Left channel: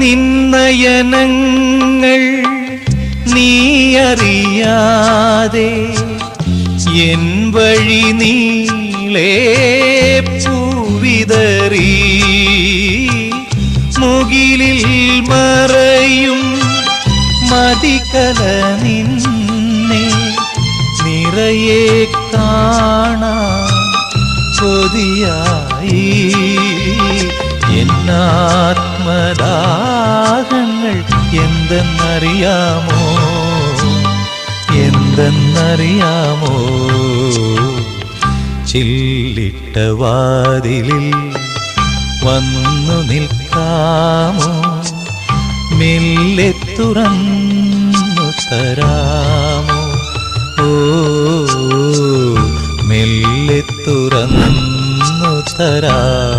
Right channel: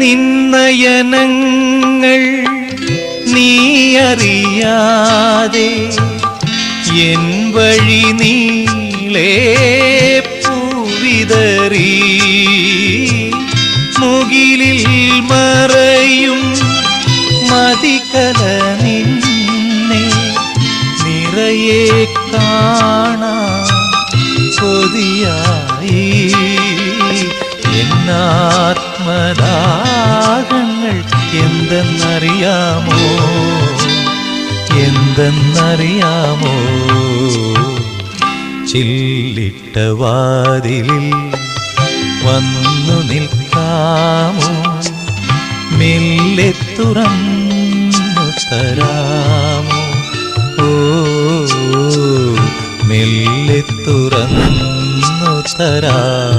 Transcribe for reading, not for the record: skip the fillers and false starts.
നിന്നയനങ്ങൾ നീ അറിയാതെ എൻ വഴി നീളേ പൂവിതറി മുകിലിൽ മറയും മതികല നിന്നെ നിറയെ കാണാൻ കൊതിയായി എന്നാത്മദാഹങ്ങൾ എന്തെന്നറിയാമോ ചില്ലിട്ട വാതിലിൽ വന്നു നിൽക്കാമോ മെല്ലെ തുറന്നു തരാമോ ഓ മെല്ലെ തുറന്നു തരാമോ